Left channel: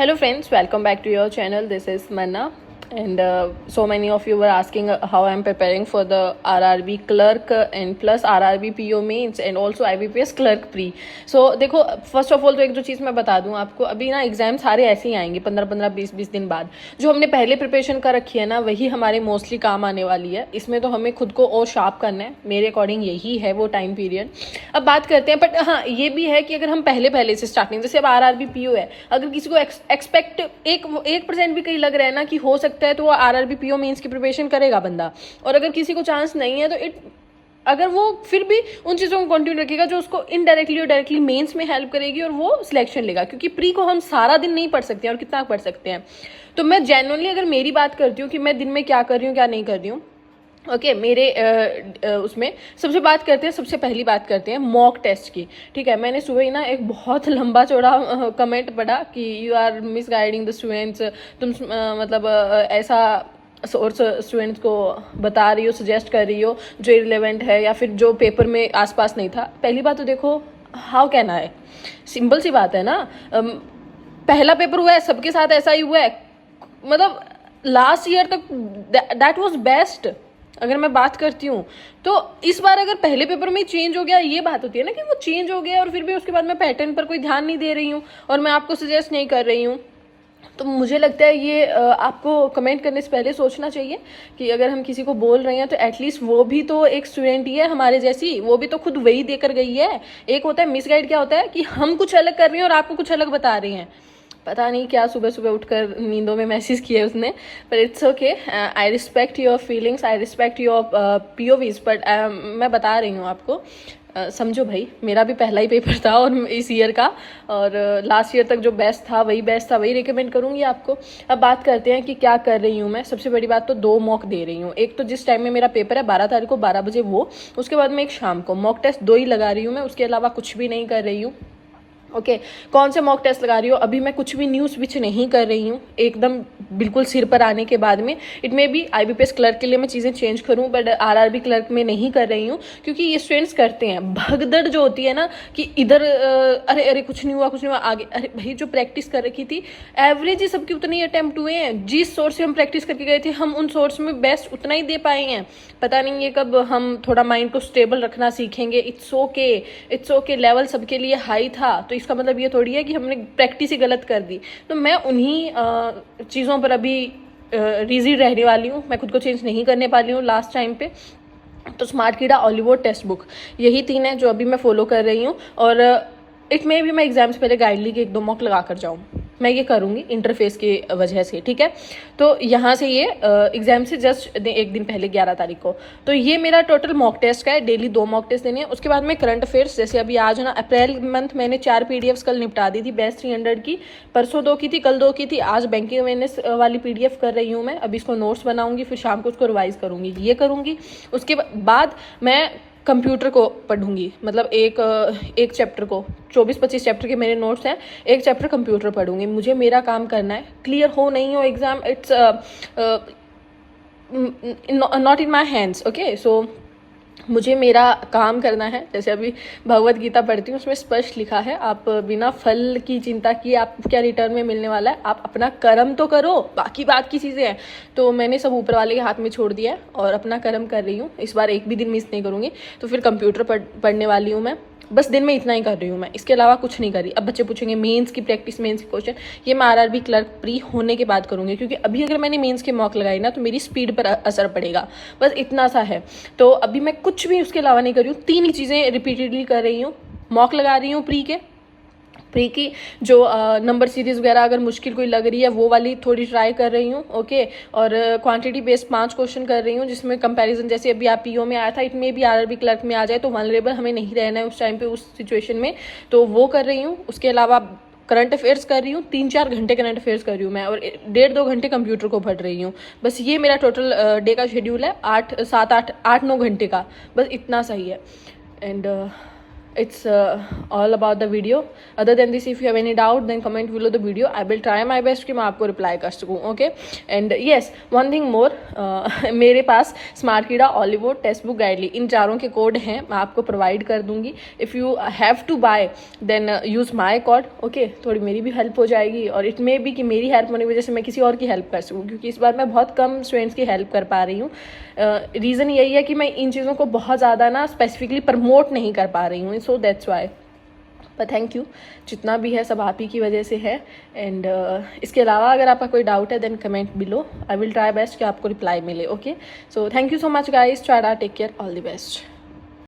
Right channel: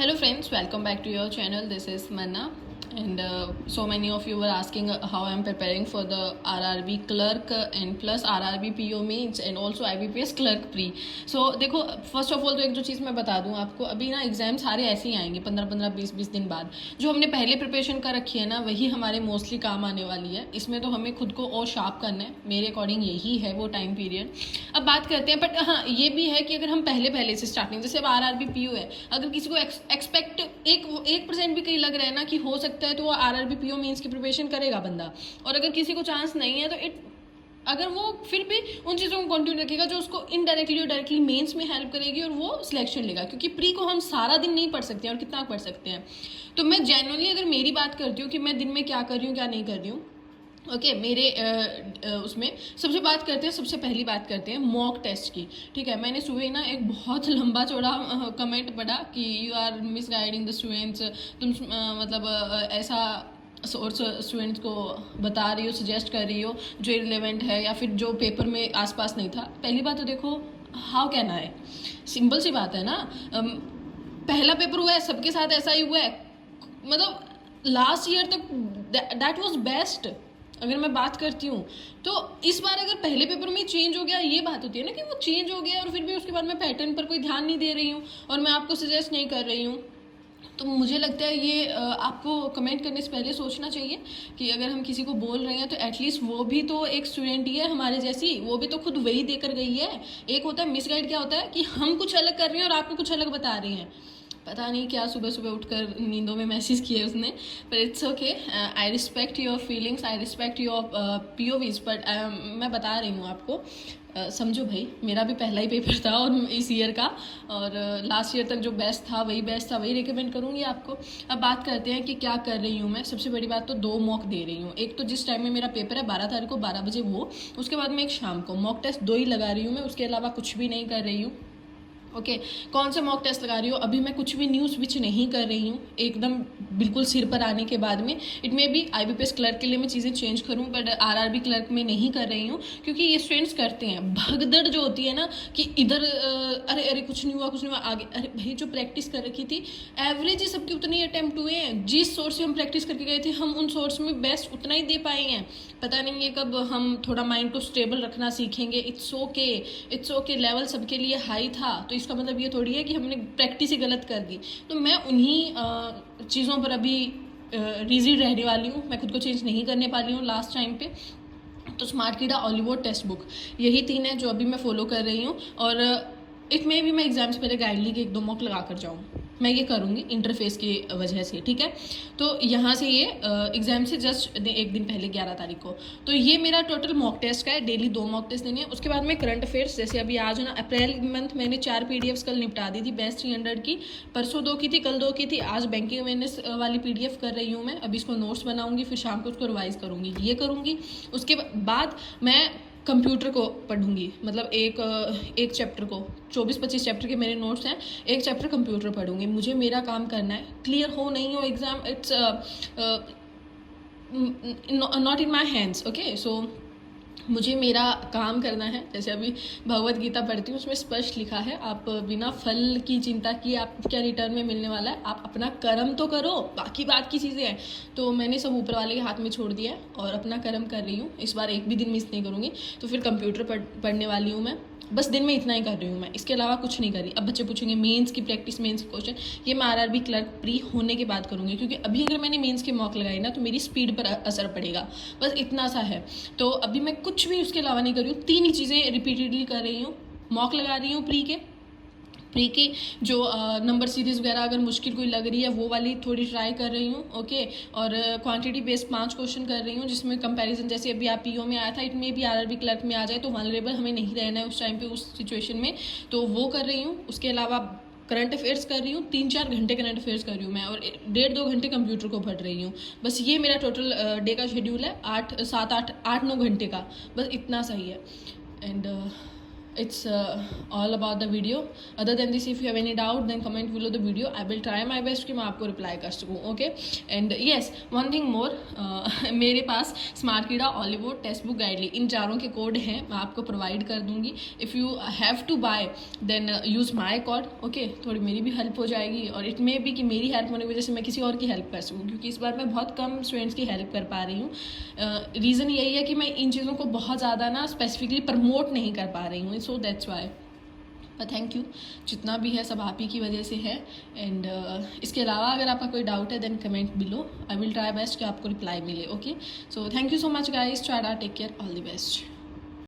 Hello friends, welcome back to your channel. This is Manna, and so many of you were asking how I'm preparing for the RRB clerk and plus RRB PO mains and also IBPS clerk pre. So देखो, first of all तो एक जो चीज़ मैं बता दूं आपको, अभी ना एग्जाम सारे ऐसे ही आएंगे 15-15 20-20 दिन बाद। जो हमने पहले प्रिपरेशन कर रखी है ना, वही हमारे मोस्टली काम आने वाली है। इसमें तो हमें खुद को और शार्प करना है, मेरे अकॉर्डिंग यही है वो टाइम पीरियड। अब बात करते हैं, बट हाँ ये भी है कि अगर हम पहले से स्टार्टिंग, जैसे अब RRB PO है, अगर किसी को एक्सपेक्ट 1% भी कहीं लग रहा है ना कि हो सकता है, तो वो RRB PO मेंस की प्रिपरेशन करेगा बंदा। और अगर किसी को चांस नहीं है तो अगर वो फिर भी उन चीज़ों को कंटिन्यू रखेगा जो उसको इनडायरेक्टली और डायरेक्टली मेंस में हेल्प करेगी और वो सिलेक्शन लेगा, क्योंकि प्री को हम सारा दिन नहीं पढ़ सकते हैं और कितना पढ़ सकते हैं। तो मैं जेन्युइनली अगर मेरी बात करती हूँ कि मैं दिन में क्या कर रही हूँ क्या नहीं कर रही हूँ, ओके मेरे उसमें सबसे पहली बात करते हैं मॉक टेस्ट की। ठीक है, मैंने सुबह ही ना एक बहुत लंबा चौड़ा कमेंट पढ़ा कि you are misguiding the students, तुम मतलब ऐसा सोर्स स्टूडेंट्स को बता रही हो, सजेस्ट कर रही हो जो इरिलेवेंट है या फिर जो पेपर में आसपास नहीं था। पहली बात तो देखो, हाउ कैन आई, सिंपल सी बात है ना, पहला पेपर हुआ है, सबके साथ ऐसा ही हुआ है। मतलब लास्ट ईयर तक दैट वाज बेस्ट अगर मैं बात करती हूँ। तो इस बार अगर पहले पेपर में चेंज हो गया, ये बात होती है ना कि वो चेंज हो गया और फिर भी उसके बाद मैं पैटर्न पर कोई ध्यान नहीं दे रही हूँ और मैं आपको सजेस्ट नहीं कर रही हूँ। तो मुझे लगता है ये आपको कमेंट करने से पहले सोचना चाहिए कि अगर हम किसी को बोल रहे हैं तो एटलीस्ट वो भी तो एक स्टूडेंट ही है हमारे जैसी, वो भी तो खुद वही देकर गई है। एक होता है मिसगाइड, क्या होता है कि हम कुछ अलग कर रहे हैं और आपको कुछ अलग बता रहे हैं। पता नहीं क्या सुबह सुबह उठकर नींदों में मैसेज किए उसने, पर it's okay. I respect your feelings, I respect your POVs, but मैं बता रही हूँ आपको, समझो भाई, मेरा भी पहला ही पेपर था और इस ईयर का, और लास्ट ईयर तक जो बेस्ट था वही रिकमेंड करूँगी आपको। अब बात करते हैं कि क्या कर रही हूँ मैं। सबसे बड़ी बात तो 2 मॉक दे रही हूँ। एक तो जिस टाइम में मेरा पेपर है 12 तारीख को 12 बजे, वो उसके बाद में एक शाम को मॉक टेस्ट 2 ही लगा रही हूँ मैं, उसके अलावा कुछ भी नहीं कर रही हूँ। ओके कौन से मॉक टेस्ट लगा रही हो, अभी मैं कुछ भी न्यू स्विच नहीं कर रही हूँ, एकदम बिल्कुल सिर पर आने के बाद में। It may be IBPS clerk के लिए मैं चीज़ें चेंज करूँ, बट RRB क्लर्क में नहीं कर रही हूँ, क्योंकि ये स्टूडेंट्स करते हैं भगदड़ जो होती है ना कि इधर अरे अरे कुछ नहीं हुआ आगे। अरे भाई, जो प्रैक्टिस कर रखी थी एवरेज ही सबके उतने ही अटैम्प्ट हुए हैं। जिस सोर्स से हम प्रैक्टिस करके गए थे हम उन सोर्स में बेस्ट उतना ही दे पाए हैं। पता नहीं ये कब हम थोड़ा माइंड को स्टेबल रखना सीखेंगे। इट्स ओके, लेवल सबके लिए हाई था, तो इसका मतलब ये थोड़ी है कि हमने प्रैक्टिस ही गलत कर दी। तो मैं उन्हीं चीज़ों पर अभी रिजिड रहने वाली हूँ, मैं खुद को चेंज नहीं करने वाली हूँ लास्ट टाइम पे। तो स्मार्ट कीड़ा, ऑलिवर, टेक्स्ट बुक, यही 3 है जो अभी मैं फॉलो कर रही हूँ। और इट में भी मैं एग्जाम से पहले गाइडली के 1-2 मॉक लगा कर जाऊँ, मैं ये करूँगी इंटरफेस की वजह से। ठीक है, तो यहाँ से ये एग्जाम से जस्ट 1 दिन पहले 11 तारीख को, तो ये मेरा टोटल मॉक टेस्ट का है। डेली 2 मॉक टेस्ट देने हैं। उसके बाद में करंट अफेयर्स, जैसे अभी आज ना अप्रैल मंथ मैंने 4 PDFs कल निपटा दी थी, बेस्ट 300 की, परसों 2 की थी, कल 2 की थी, आज बैंकिंग अवेयरनेस वाली PDF कर रही हूँ मैं। अभी इसको नोट्स बनाऊंगी, फिर शाम को उसको रिवाइज करूँगी, ये करूँगी। उसके बाद मैं कंप्यूटर को पढ़ूंगी, मतलब एक चैप्टर को, 24-25 चैप्टर के मेरे नोट्स हैं, एक चैप्टर कंप्यूटर पढ़ूंगी। मुझे मेरा काम करना है, क्लियर हो नहीं हो exam, it's not in my hands. Okay, so मुझे मेरा काम करना है। जैसे अभी भगवत गीता पढ़ती हूँ, उसमें स्पष्ट लिखा है, आप बिना फल की चिंता किए आपको क्या रिटर्न में मिलने वाला है, आप अपना कर्म तो करो, बाकी बात की चीज़ें हैं। तो मैंने सब ऊपर वाले के हाथ में छोड़ दिया है और अपना कर्म कर रही हूँ। इस बार एक भी दिन मिस नहीं करूँगी। तो फिर कंप्यूटर पढ़ने वाली हूँ मैं, बस दिन में इतना ही कर रही हूँ मैं, इसके अलावा कुछ नहीं कर रही। अब बच्चे पूछेंगे मेंस की प्रैक्टिस, मेंस के क्वेश्चन, ये मैं RRB क्लर्क प्री होने के बाद करूँगी, क्योंकि अभी अगर मैंने मेंस के मॉक लगाई ना तो मेरी स्पीड पर असर पड़ेगा, बस इतना सा है। तो अभी मैं कुछ भी उसके अलावा नहीं कर रही हूँ, 3 ही चीज़ें रिपीटेडली कर रही हूँ। मॉक लगा रही हूँ प्री की, जो नंबर सीरीज वगैरह अगर मुश्किल कोई लग रही है वो वाली थोड़ी ट्राई कर रही हूँ। ओके, और क्वांटिटी बेस्ड 5 क्वेश्चन कर रही हूँ, जिसमें कंपैरिजन, जैसे अभी आप PO में आया था, इट में भी RRB क्लर्क में आ जाए, तो वनरेबल हमें नहीं रहना है उस टाइम पे, उस सिचुएशन में, तो वो कर रही हूँ। उसके अलावा करंट अफेयर्स कर रही हूँ, 3-4 घंटे करंट अफेयर्स कर रही हूँ मैं, और 1.5-2 घंटे कंप्यूटर को पढ़ रही हूँ। बस ये मेरा टोटल डे का शेड्यूल है, 8-7-8-9 घंटे का, बस इतना सही है। And it's all about the video. Other than this, if you have any doubt, then comment below the video. I will try my best कि मैं आपको reply कर सकूँ. Okay, and yes, one thing more, मेरे पास smart कीड़ा, ऑलिवो, text book, गाइडली, इन चारों के code हैं, मैं आपको प्रोवाइड कर दूंगी. If you have to buy then use my code. Okay, थोड़ी मेरी भी हेल्प हो जाएगी, और इट मे बी कि मेरी हेल्प होने की वजह से मैं किसी और की हेल्प कर सकूँ, क्योंकि इस बार मैं बहुत कम स्टूडेंट्स की हेल्प कर पा रही हूँ. रीज़न यही है कि मैं इन चीज़ों को बहुत ज़्यादा ना स्पेसिफिकली प्रमोट नहीं कर पा रही हूँ, सो दैट्स वाई. पर थैंक यू, जितना भी है सब आप ही की वजह से है. एंड इसके अलावा अगर आपका कोई डाउट है then comment below. I will try best कि आपको रिप्लाई मिले. Okay, so thank you so much guys. Tata, take care, all the best.